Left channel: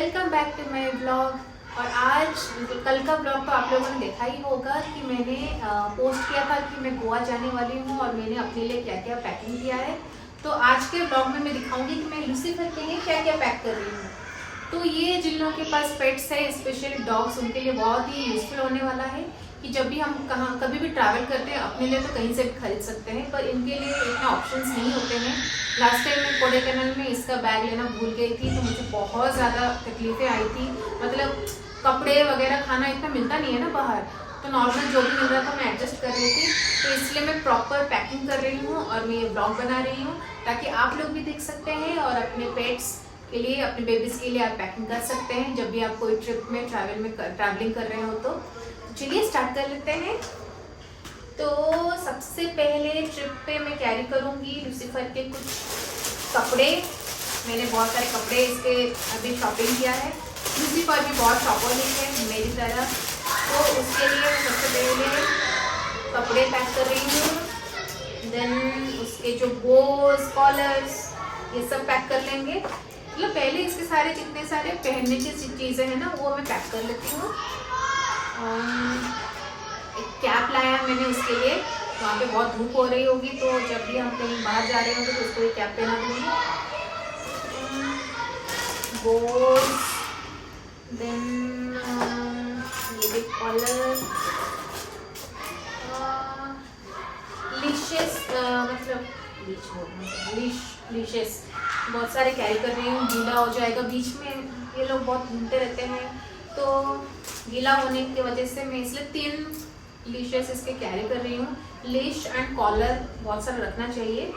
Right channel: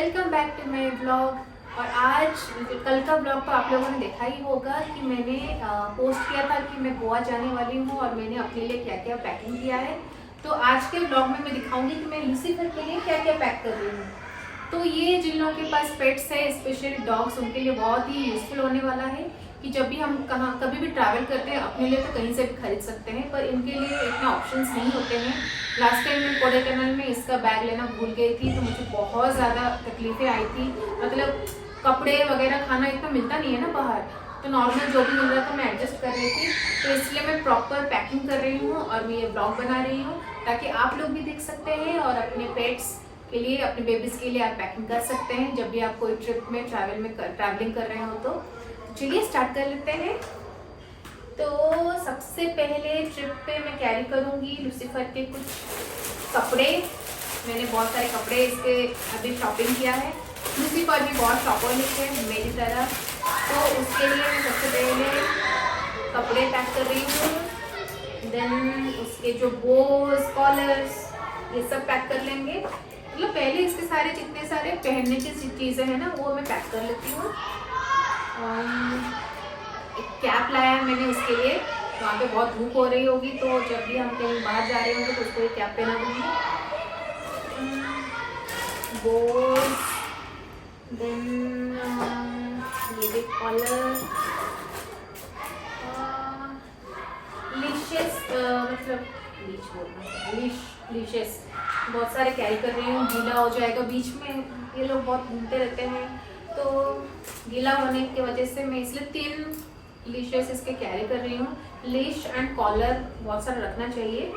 Welcome back to my blog. और आज कल का ब्लॉग तो आप लोगों ने देखा ही होगा कि मैंने पोस्ट किया था कि मैं गोवा जाने वाली हूँ और मैंने अपने लिए क्या क्या पैकिंग किया है। तो आज के ब्लॉग में मैं दिखाऊंगी कि मैं लूसीफर के लिए क्या क्या पैक कर रही हूँ। तो ये जिन लोगों के पास पेट्स है, स्पेशली डॉग्स, उनके लिए बहुत ही यूजफुल होने वाला है कि जब भी हम कभी भी ट्रैवल करते हैं, अपने लिए तो कहीं से भी खरीद सकते हैं, पर इनके लिए इतना ऑप्शंस नहीं होते हैं। लास्ट टाइम मैं कोडाईकनाल में इसका बैग लेना भूल गई थी, तो मुझे बहुत ज़्यादा तकलीफें आई थी। मतलब कपड़े वगैरह खाना इतना मिलता नहीं है ना बाहर, तो नॉर्मल जो भी मिल रहा था मैं एडजस्ट कर रही थी। तो इसलिए मैं प्रॉपर पैकिंग कर रही हूँ और मैं ये ब्लॉग बना रही हूँ ताकि आप लोग भी देख सकते हैं और अपने पेट्स के लिए, अपने बेबीज के लिए आप पैकिंग कर सकते हैं जब भी आप कोई ट्रिप में ट्रैवलिंग कर रहे हो। तो चलिए स्टार्ट कर लेते हैं। तो सबसे पहले ट्रिप पे मैं कैरी करूँगी लूसीफर के कुछ कपड़े। मैंने बहुत सारे कपड़े इसके अभी शॉपिंग किया है। लूसीफर भी बहुत शॉपरनिक है मेरी तरह, तो उसके लिए मैं सबसे पहले कपड़े पैक कर रही हूँ। देन उसके जो बोस, कॉलर्स, ये सब पैक कर लेंगे। मतलब पहले इसके सारे जितने सारे पहनने की चीज़ें हैं ना, वो मैं पैक कर लेती हूँ। एक कैप लाया है मैंने उसके लिए, वहाँ पे बहुत धूप हो रही होगी, तो जब भी हम कहीं बाहर जा रहे होंगे तो उसको एक कैप पहना दूँगी। बोस, देन ये भी कॉलर, लीशेस, मतलब लीशेस बहुत सारे कैरी कर रही हूँ। गीला हो जाएगा, बीच में ये लोग बहुत घूमते रहते हैं, तो गीला होने की वजह से मैं इसलिए 3 लीशेस इसके कैरी कर रही हूँ। लीश एंड कॉलर बहुत सारा रखना चाहिए,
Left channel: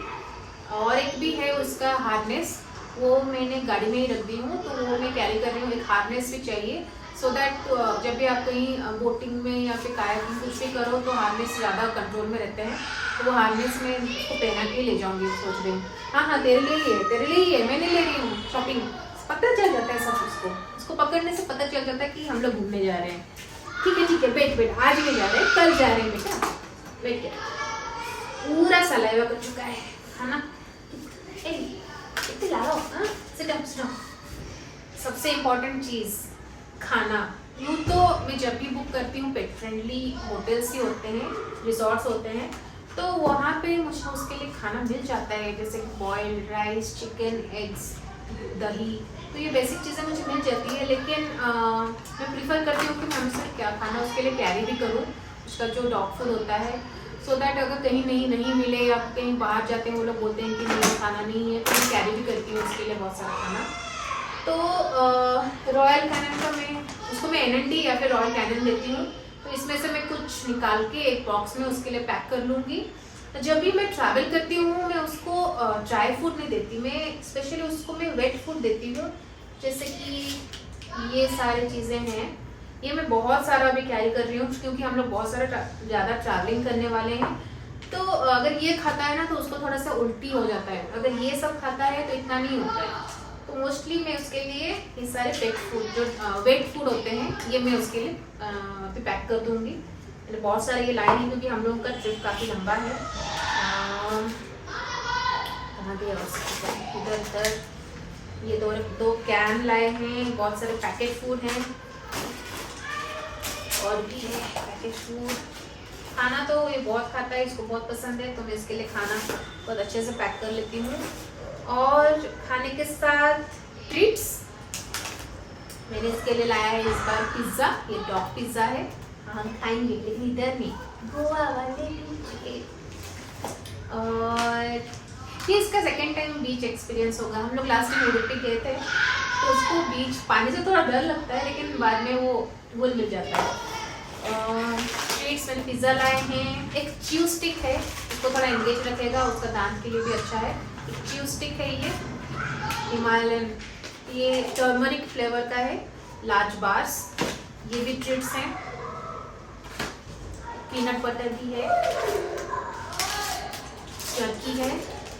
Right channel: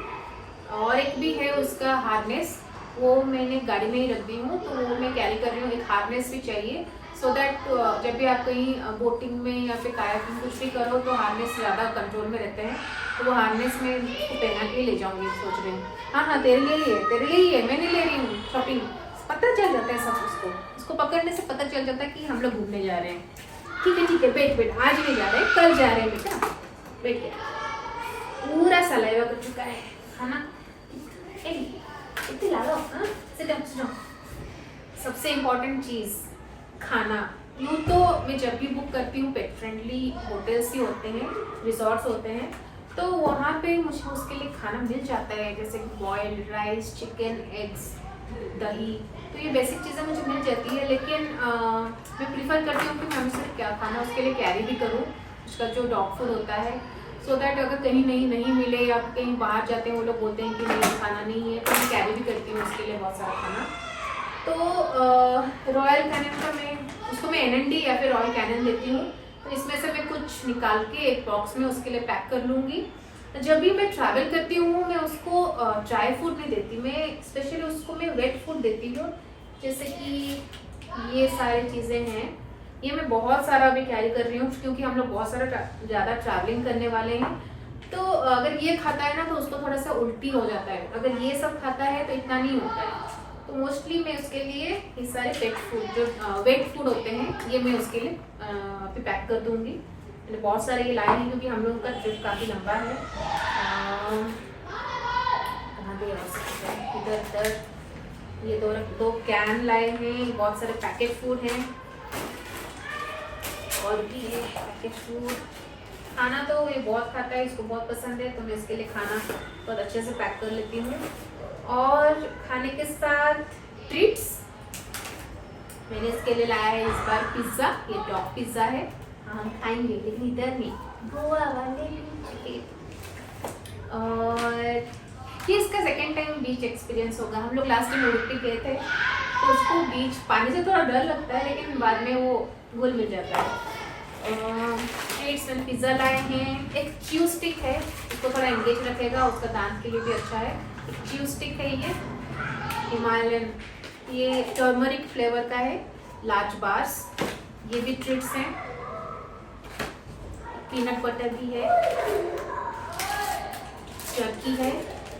और एक भी है उसका हार्नेस, वो मैंने गाड़ी में ही रख दी हूँ, तो वो मैं कैरी कर रही हूँ। एक हार्नेस भी चाहिए सो दैट जब भी आप कहीं बोटिंग में या फिर कायाकिंग कुछ भी करो तो हार्नेस ज़्यादा कंट्रोल में रहते हैं, तो वो हार्नेस में उसको पहना के ले जाऊँगी सोच रही हूँ। हाँ, तेरे लिए ही है, तेरे लिए ही है, मैं नहीं ले रही हूँ शॉपिंग। पता चल जाता है सब, उसको पकड़ने से पता चल जाता है कि हम लोग घूमने जा रहे हैं। ठीक है, बैठ, आज नहीं जा रहे, कल जा रहे हैं बेटा। बैठ गया, पूरा सलाइवा कर चुका है खाना। ला लो, हाँ, सिट डाउन। सबसे इम्पोर्टेंट चीज़ खाना। यूँ तो मैं जब भी बुक करती हूँ पेट फ्रेंडली होटल्स ही होते हैं, रिसोर्ट्स होते हैं, तो वहाँ पे मुझे उसके लिए खाना मिल जाता है, जैसे बॉइल्ड राइस, चिकन, एग्स, दही, तो ये बेसिक चीज़ें मुझे मिल जाती है। लेकिन मैं प्रीफर करती हूँ कि मैं हमेशा क्या खाना उसके लिए कैरी भी करूँ, उसका जो डॉग फूड होता है, सो दैट अगर कहीं नहीं मिले या कहीं बाहर जाते हैं वो लोग बोलते हैं कि नहीं खाना नहीं है, तो मैं कैरी भी करती हूँ उसके लिए बहुत सारा खाना। तो रॉयल कैनन का उसको मैं NND या फिर रॉयल कैनन देती हूँ, तो इसमें से मैं कुछ निकाल के एक बॉक्स में उसके लिए पैक कर लूँगी। जब भी मैं ट्रैवल करती हूँ मैं उसको ड्राई फूड नहीं देती, मैं स्पेशली उसको मैं वेट फूड देती हूँ। जैसे कि ये सारी चीज़ें हैं, ये मैं बहुत सारा अभी कैरी कर रही हूँ क्योंकि हम लोग बहुत सारा ज़्यादा ट्रैवलिंग करने वाले हैं। तो अगर ये खाता है ना तो उसको थोड़ा सा उल्टी हो जाता है, अगर ये सब खाता है तो इतना नहीं होता है। तो मोस्टली मैं उसके लिए ये सारे पेट फूड जो वेट फूड होते हैं, ये मैं उसके लिए अभी पैक कर दूँगी। मैंने बहुत सारे ये लाए हैं क्योंकि हम लोगों का ट्रिप काफ़ी लंबा है। कहाँ गए इधर ये दो कैन लाए हैं, बहुत सारे पैकेट फूड हैं और भी है पैकेट फूड। खाना तो ये बहुत खाता है, इसको बहुत पसंद है, तो मैं इसके लिए खाना बहुत अच्छे से पैक कर लेती हूँ। और खाने के साथ ट्रीट्स मैंने इसके लिए लाया है इस बार पिज़्ज़ा। ये डॉग पिज़्ज़ा है, हम खाएंगे लेकिन इधर नहीं, गोवा वाले बीच। और ये इसका सेकेंड टाइम बीच एक्सपीरियंस होगा। हम लोग लास्ट टाइम उड़ुपी गए थे, तो उसको बीच पानी से थोड़ा डर लगता है, लेकिन बाद में वो घुल मिल जाता है। ट्रीट्स मैंने पिज़्ज़ा लाए हैं। एक च्यू स्टिक है, इसको थोड़ा एंगेज रखेगा, उसका दांत के लिए भी अच्छा है। एक च्यू स्टिक है, ये हिमालयन, ये टर्मरिक फ्लेवर का है, लार्ज बार्स। ये भी ट्रीट्स हैं, पीनट बटर भी है, चरकी है,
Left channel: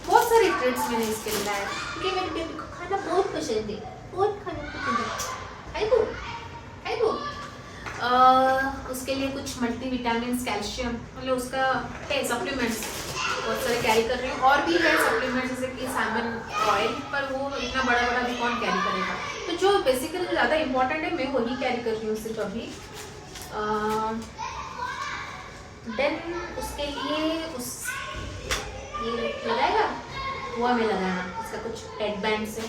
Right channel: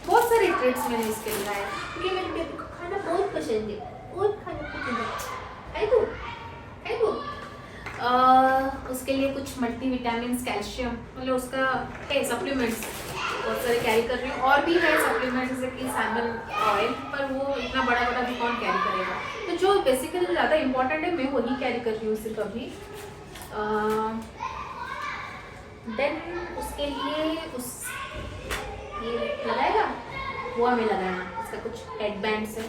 बहुत सारे ट्रीट्स मैंने इसके लिए लाए क्योंकि मेरे बेबी को खाना बहुत पसंद है, बहुत खाना पसंद है। खाए दो। उसके लिए कुछ मल्टीविटामिन, कैल्शियम, मतलब उसका है सप्लीमेंट्स, बहुत सारे कैरी कर रही हूँ। और भी है सप्लीमेंट जैसे कि सैमन ऑयल, पर वो इतना बड़ा बड़ा भी कौन कैरी करेगा। तो जो बेसिकली जो ज़्यादा इंपॉर्टेंट है मैं वही कैरी कर रही हूँ सिर्फ अभी। देन उसके लिए ये लगाएगा वो हमें लगाना, इसका कुछ हेडबैंड्स है,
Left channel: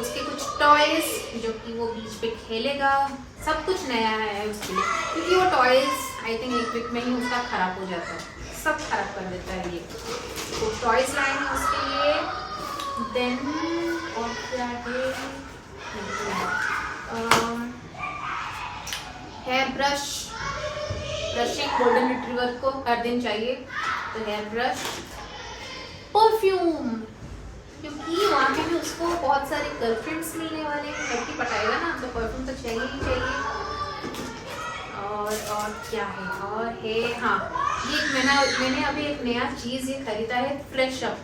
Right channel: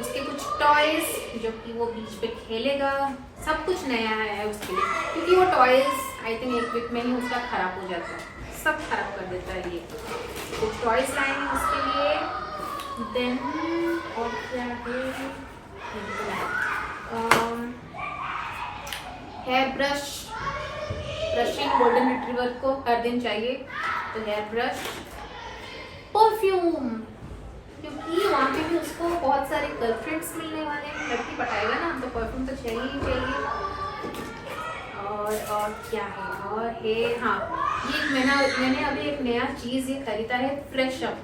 उसके कुछ टॉयज जो कि वो बीच पे खेलेगा, सब कुछ नया है उसके लिए, क्योंकि वो टॉयज आई थिंक एक वीक में ही उसका ख़राब हो जाता है, सब खराब कर देता है ये। तो टॉयज लाए हैं उसके लिए। देन और क्या है, हेयर ब्रशिंग गोल्डन रिट्रीवर को हर दिन चाहिए, तो हेयर ब्रश, परफ्यूम, क्योंकि वहाँ पे भी उसको बहुत सारे गर्लफ्रेंड्स मिलने वाले हैं, लड़की पटाएगा ना, तो परफ्यूम तो चाहिए ही चाहिए। और क्या है, और है हाँ, ये मैंने अभी एक नया चीज़ ये खरीदा है, फ्रेश अप।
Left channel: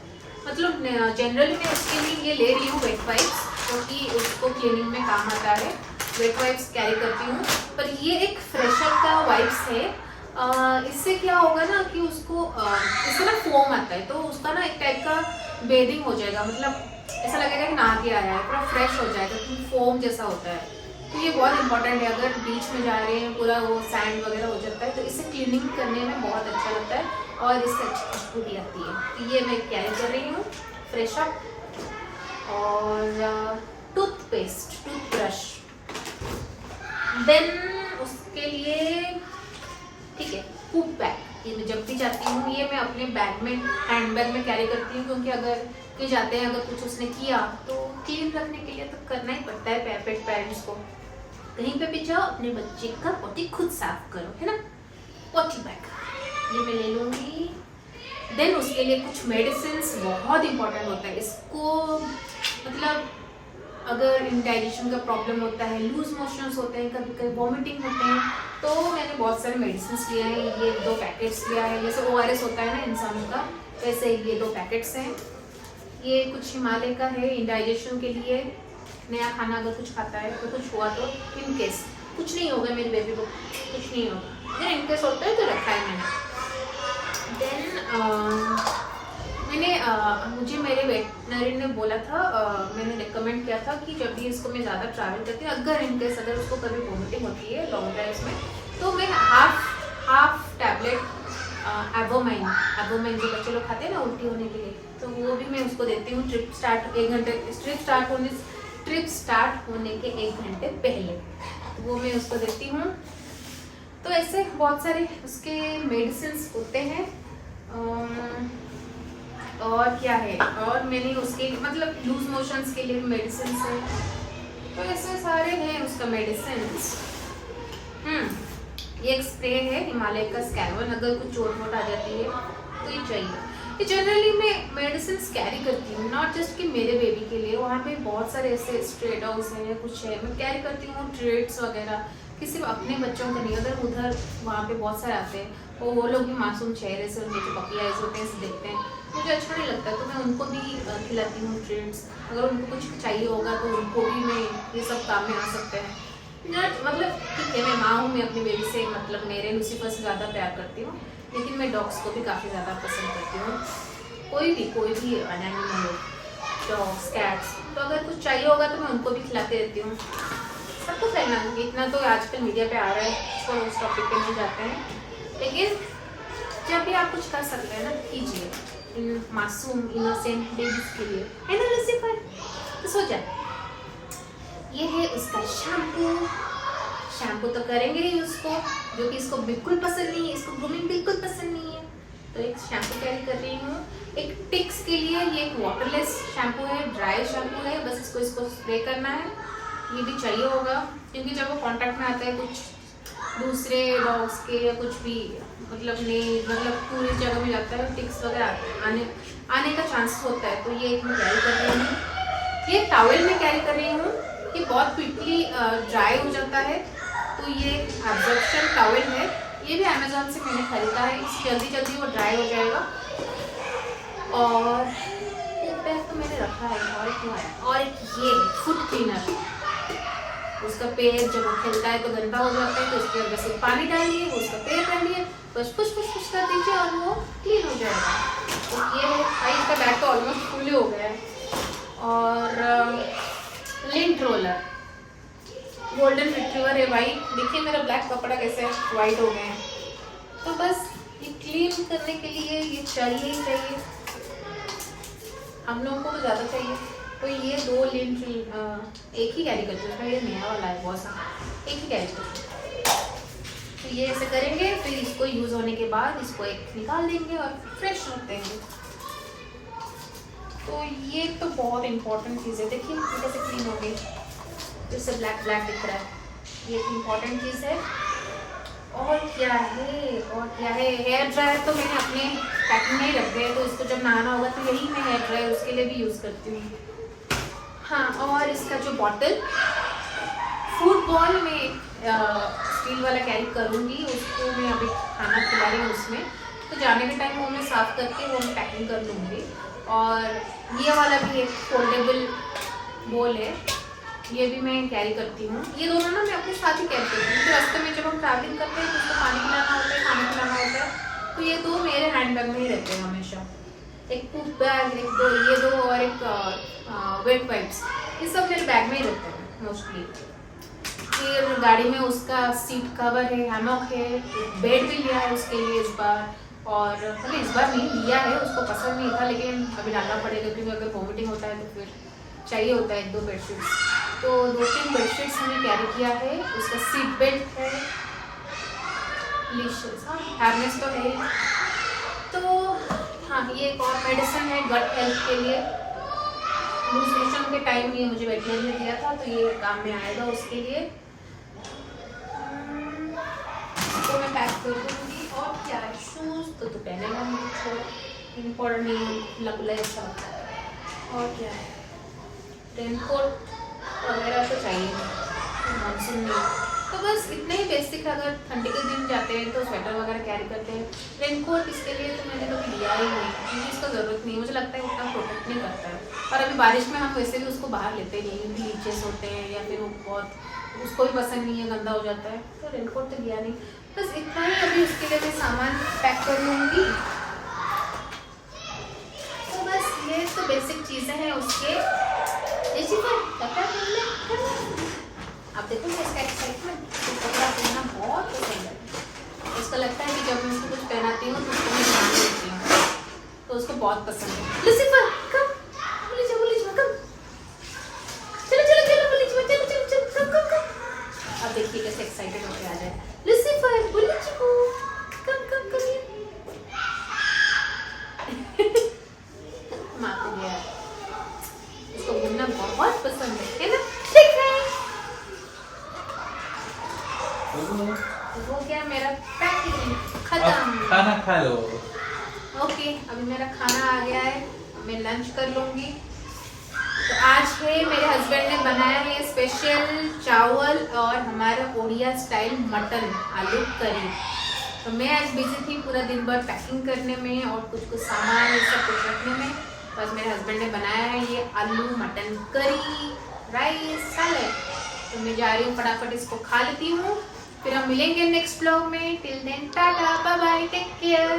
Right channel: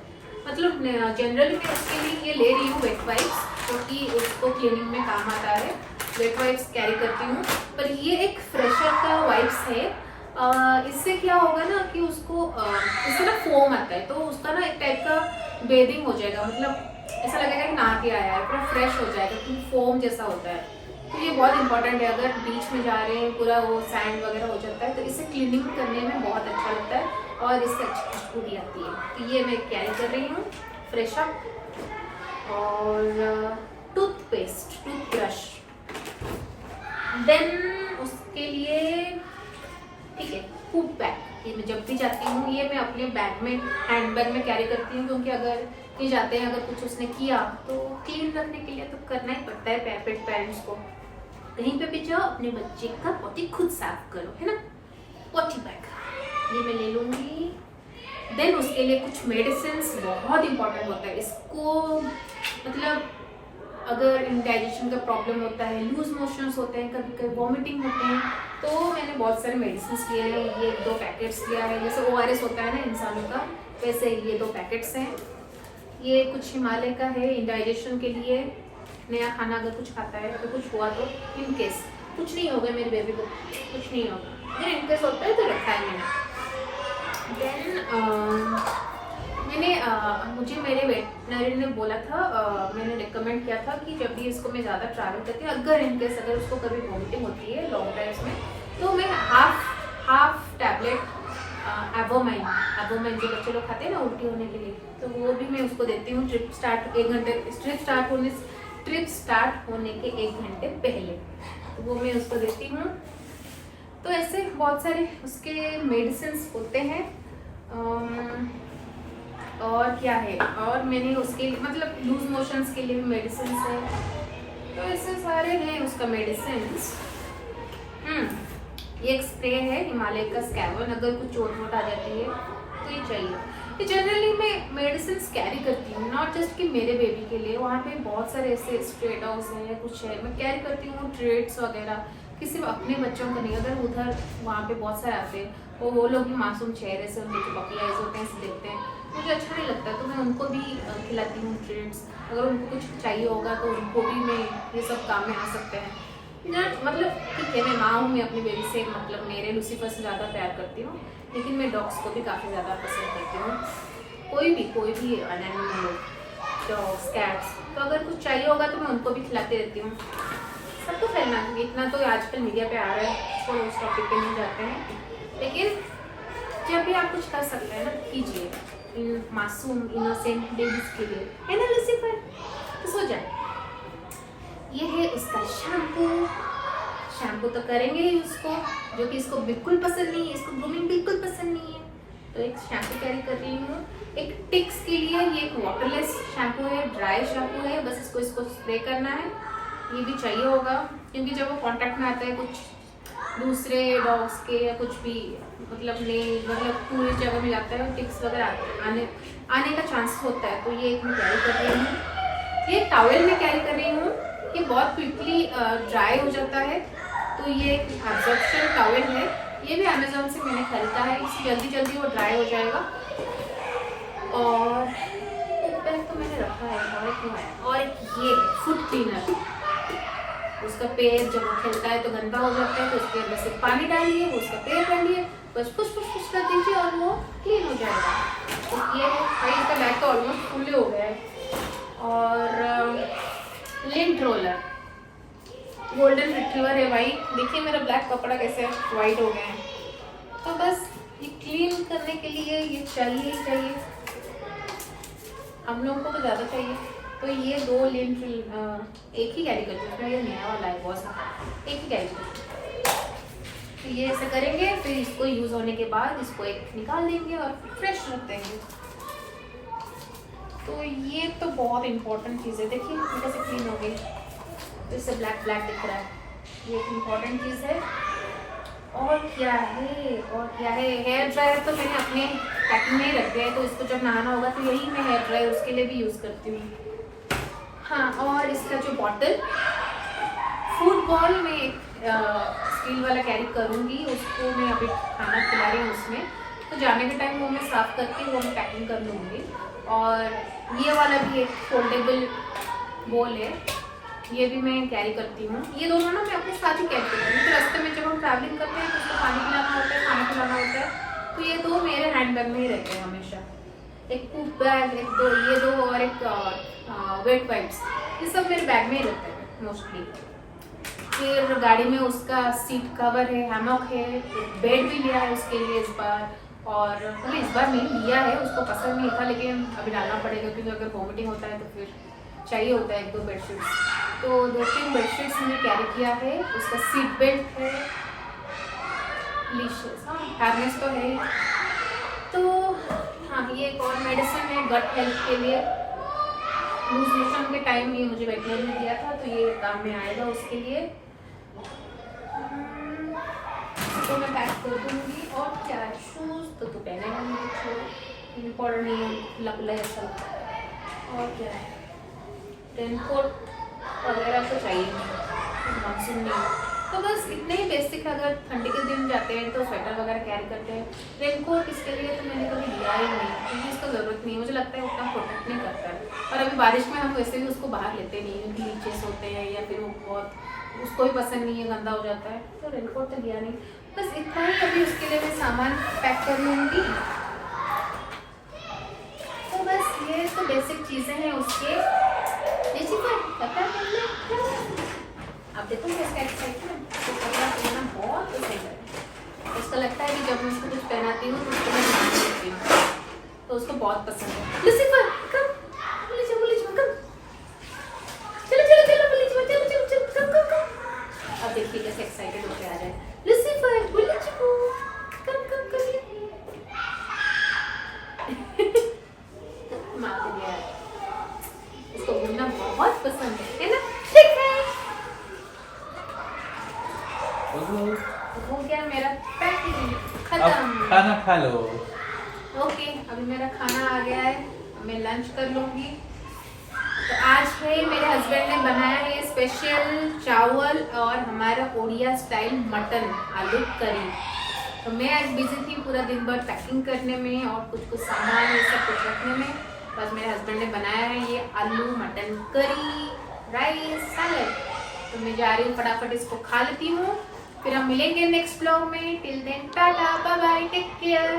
मतलब जनरली मैं उसके लिए ये ले रही हूँ वेट वाइप्स, क्योंकि उसको क्लीनिंग में काम आता है, वेट वाइप्स कैरी करती हूँ। पर ये एक फ्रेश अप का वाइप्स है, इससे क्या होगा ना कि उसको इससे ना फोम आता है, तो उसका ना एक टाइप का बेदिंग हो जाएगा, मतलब ऐसा लगेगा कि नहा के आया है, पूरा फ्रेश हो जाएगा, क्योंकि फोम जैसा होता है। तो ये बहुत इंपॉर्टेंट है, अगर बीच में जा रहे हैं पूरा वो सैंड वगैरह हो जाता है, तो इससे क्लीनिंग करने में बहुत अच्छा लगता है और इससे अच्छी खुशबू भी आती है। तो ये मैं कैरी कर रही हूँ फ्रेश अप। और टूथपेस्ट, टूथब्रश, देन उसके लिए ठीक है फूड बैग, ये मैं जब भी जाती हूँ ये मैं अपने बैग में, हैंड बैग में कैरी करती हूँ, क्योंकि अगर कहीं जाते हैं अगर कुछ उसने किया तो क्लीन रखने के लिए तो करना ही पड़ता है पेरेंट्स को। कहीं पे भी जाओ अपने बच्चे का पोटी खुद साफ करो, है ना। पोटी बैग ये मैं ले लूँगी। देन उसके लिए कुछ मेडिसिन्स बहुत इंपॉर्टेंट होता है, इसको मतलब अगर इंडाइजेशन का प्रॉब्लम होता है, लूज मोशंस होते हैं, कभी कभी वॉमिटिंग होते हैं, तो मैंने बहुत सारे मेडिसिन लिए हैं। ये 2 पैकेट्स लिया है, जैसे ORS होता है ना इंसानों का, वैसे ये 2 पैकेट्स हैं। ये कुछ हिमालय का है इंडाइजेशन के लिए, नया खाना अगर कुछ खाता है तो कुछ हुआ तो इन केस, कुछ नहीं होगा मेरे बेबी को, कुछ नहीं होगा, अगर इन केस होता है तो रखा है मैंने। देन मुझे मेरे वेटनरी ने बोला था, मैंने रिकमेंड किया था कि जब भी इसको मैं ज़्यादा ट्रैवल करती हूँ, अगर इनकेस अगर उसको कभी वॉमिटिंग होती है लॉन्ग ड्राइव्स में, तो मैं हाफ टैबलेट एवोमाइन जो बच्चे लोग खाते हैं ना उल्टी होने के लिए, तो वो भी मैं उसको देती हूँ ट्रिप स्टार्ट होने के 1 घंटे पहले, तो वो मैं उसको देती हूँ। तो ऐसे बहुत सारे उसके मेडिसिन होते हैं। और क्या है, और मैंने उसके मतलब लूज मोशंस के लिए भी मेडिसिन है, तो ऐसे सारे हैं उसका मेडिसिन। ये एक स्प्रे है हिमालय का स्कैवन, अगर कुछ चोट वोट आ जाती है तो ये चाहिए। ये जनरली मैं मेडिसिन कैरी करती हूँ, नॉट जस्ट कि मेरे बेबी के लिए, वहाँ पे बहुत सारे ऐसे स्ट्रे डॉग्स हैं या कुछ है, मैं कैरी करती हूँ ट्रीट्स वगैरह, किसी अपने बच्चों को नहीं, उधर वहाँ पे बहुत सारे आते हैं, वो लोग भी मासूम चेहरे से, उनके जो पपी आइज होते हैं ऐसे देखते हैं, मुझे अच्छा नहीं लगता, तो मैं उनको भी खिलाती हूँ ट्रीट्स। अगर उनको कुछ चाहिए होगा तो उनको भी मैं ये सब काम में आ सकते हैं। मतलब ठीक है, मैं माँ हूँ, मैं अपनी बेबी से मतलब मेरे लूसीफर से ज़्यादा प्यार करती हूँ, लेकिन मैं डॉग्स को भी काफ़ी ज़्यादा पसंद करती हूँ। कोई भी एनिमल हो, डॉग्स कैट्स, तो अगर कुछ चाहिए होगा तो मैं उनको भी खिलाती रहती हूँ। सबको फैलना, इतना तो आजकल मीडिया पे आ रहा है, तो उस टॉपिक पे नहीं जाते हैं, लेकिन जब भी आप कुछ कर सकते हैं ना कीजिए, इन मासूम इनोसेंट बेबीज के लिए, है ना लूसीफर, तो सो जा। ये है उसका शैम्पू तो करेंगे ही उसको, जो कि इसको बिल्कुल पसंद नहीं है, इसको ग्रूमिंग बिल्कुल पसंद नहीं है, तो एक शैम्पू कैरी कर रही हूँ। एक टिक्स के लिए ये एक वाटरलेस शैम्पू है, ड्राई शैम्पू है, बस इसको स्प्रे करना है, ये भी चाहिए होगा, क्योंकि जब वो कांटेक्ट में आता है कुछ दूसरे डॉग्स के या कुछ भी मतलब पूरी जगह में जाता है, टिक्स वगैरह आने का चांस होता है, तो ये एक मैं कैरी कर रही हूँ। ये टॉवेल में कैरी कर रही हूँ, ये बहुत क्विकली ड्राई हो जाता है, तो ये एक एब्जॉर्प्शन टॉवेल है, ये भी अमेजोन से मैंने खरीदा है, इससे जल्दी वो ड्राई हो जाएगा। और एक बैग तो मैंने रखा है, और क्यों है, और एक ये फुट क्लीनर, उसका पैर जब वो खेलता है तो गंदा हो जाता है, तो उसके अंदर से पानी डालिए, उसका पैर डालिए, बस पुश पुश पुश कर दीजिए और वो क्लीन हो जाएगा। तो ये है भाई, इसका बैग तो ऑलमोस्ट फुल हो गया है। और लिंट रोलर, गोल्डन रिट्रीवर है भाई। देखिए मेरा ब्लैक कपड़ा कैसे वाइट हो गए हैं। तो बस ये क्लीन करने के लिए ये चाहिए ही चाहिए, हम लोगों को तो ज़्यादा चाहिए। तो ये 2 लिंट एक ही कैरी करते हैं, ये नया वाला है बहुत सारा, एक ही कैरी करते हैं। तो ये ऐसे करेंगे, फिर इसको यूज़ होने के बाद इसको एक निकाल देंगे और फ्रेश रख देंगे। तो ये तो बहुत इंपॉर्टेंट चीज़ है। देखिए कैसे क्लीन हो गई, तो इससे ब्लैक ब्लैक दिख रहा है, ये एक इम्पॉर्टेंट चीज़ है। और क्या है, और क्या है, हेयर ड्रायर तो मैंने अपने पैकिंग में ही रख दिया है, तो इसको जब नहाना होगा तो यही मैं हेयर ड्रायर उसके लिए भी यूज़ करती हूँ। हाँ, और इसका जो बॉटल, फूड बॉल में स्टील वाला कैरी करूँगी, उसको मैं अभी खाना खिला रही हूँ उसमें, तो जाने के टाइम वो मैं साफ़ करके वो मैं पैकिंग कर लूँगी। और ये वाला भी एक फोल्डेबल बोल है, ये भी मैं कैरी करती हूँ। ये दोनों ना मैं अपने साथ ही कैरी करती हूँ, तो रास्ते में जब हम ट्रैवलिंग करते हैं तो उसको पानी पिलाना होता है, खाना खिलाना होता है, तो ये 2 मेरे हैंड बैग में ही रहते हैं हमेशा। एक पूप बैग, एक 2 ये 2 और एक वेट वाइप्स, ये सब मेरे बैग में ही रहते हैं मोस्टली। फिर गाड़ी में उसका सीट कवर है, हैमॉक है, बेड भी लिया है उसके लिए इस बार। और मतलब इस बार नहीं लिया है, उसको पसंद नहीं था, लेकिन अभी डालना पड़ेगा क्योंकि अगर वॉमिटिंग होता है तो फिर चाहिए होता है 1-2 बेडशीट्स। तो 2-3 बेडशीट्स हमने कैरी किया है। उसका सीट बेल्ट है, लिशियस, हाँ हेयरनेस तो है। तो हाँ, ये एक और मेडिसिन है गट हेल्थ के लिए, लूज मोशन के टाइम ये मुझे वेटनरी ने दिया था, तो ये काम में आएगा उसके लिए। तो मैं पैक कर दूँगी। और क्या है, शूज़ तो पहनेगा नहीं, कुछ इम्पोर्टेंट नहीं है, खुला खुला अच्छा लगता है। और क्या है, रेनकोट वगैरह तो चाहिए, मानसून नहीं, तो बस इतने ही बेसिक है। अगर ठंडी के दिन जाते हैं तो स्वेटर वगैरह कैरी करते हैं। रेनकोट इसके लिए तो मैंने कभी लिया ही नहीं, क्योंकि इसका ज़रूरत नहीं है, मुझे लगता है उतना प्रोटेक्ट नहीं करता है। और अभी बारिश में हम वैसे भी उसको बाहर लेते नहीं, क्योंकि लीचेस होते हैं या फिर वो बहुत, उसको भी पसंद नहीं है, गंदा हो जाता है, तो रेनकोट तो लिया नहीं। बस इतना ही अभी उसके लिए मैं सामान पैक कर लूँगी। तो बस ये तो बेसिक चीज़ें हैं उसके। अब देखो इसका एक्साइटमेंट, तो कपड़ा पहनना बहुत पसंद है। उसको लगता है कि जब मैं उसको कुछ पहनाती हूँ तो उसको मैं दिखाने लगती हूँ, तो उसको बहुत पसंद है। लूसीफर कम, बुल्ली कम, चलो कम। अब देखिए कैसे एक्साइटेड होके आ जाए। लूसीफर, बुल्ली कम मारते गया, इसको घूमना बहुत पसंद है ना? ठीक है, हो गया मेरा पैकिंग खत्म। खाना खा लो। ओके, अभी मेरा खाना आ गया है, मैं लंच कर लूँगी। तो आज है मेरे हस्बैंड ने बनाया है स्पेशल चावल और हमारा ओडिया स्टाइल मटन आलू करी। तो मैं आज बिजी थी पूरा दिन भर पैकिंग करने में और कुछ सामान ये सब कुछ रखने में। बस मेरे हस्बैंड ने बनाया है ये आलू मटन करी, राइस, सैलेड। तो मैं जा रही हूँ फटाफट इसको खा लेती हूँ, फिर हम मिलेंगे नेक्स्ट ब्लॉग में। Till then tata, bye bye, take care.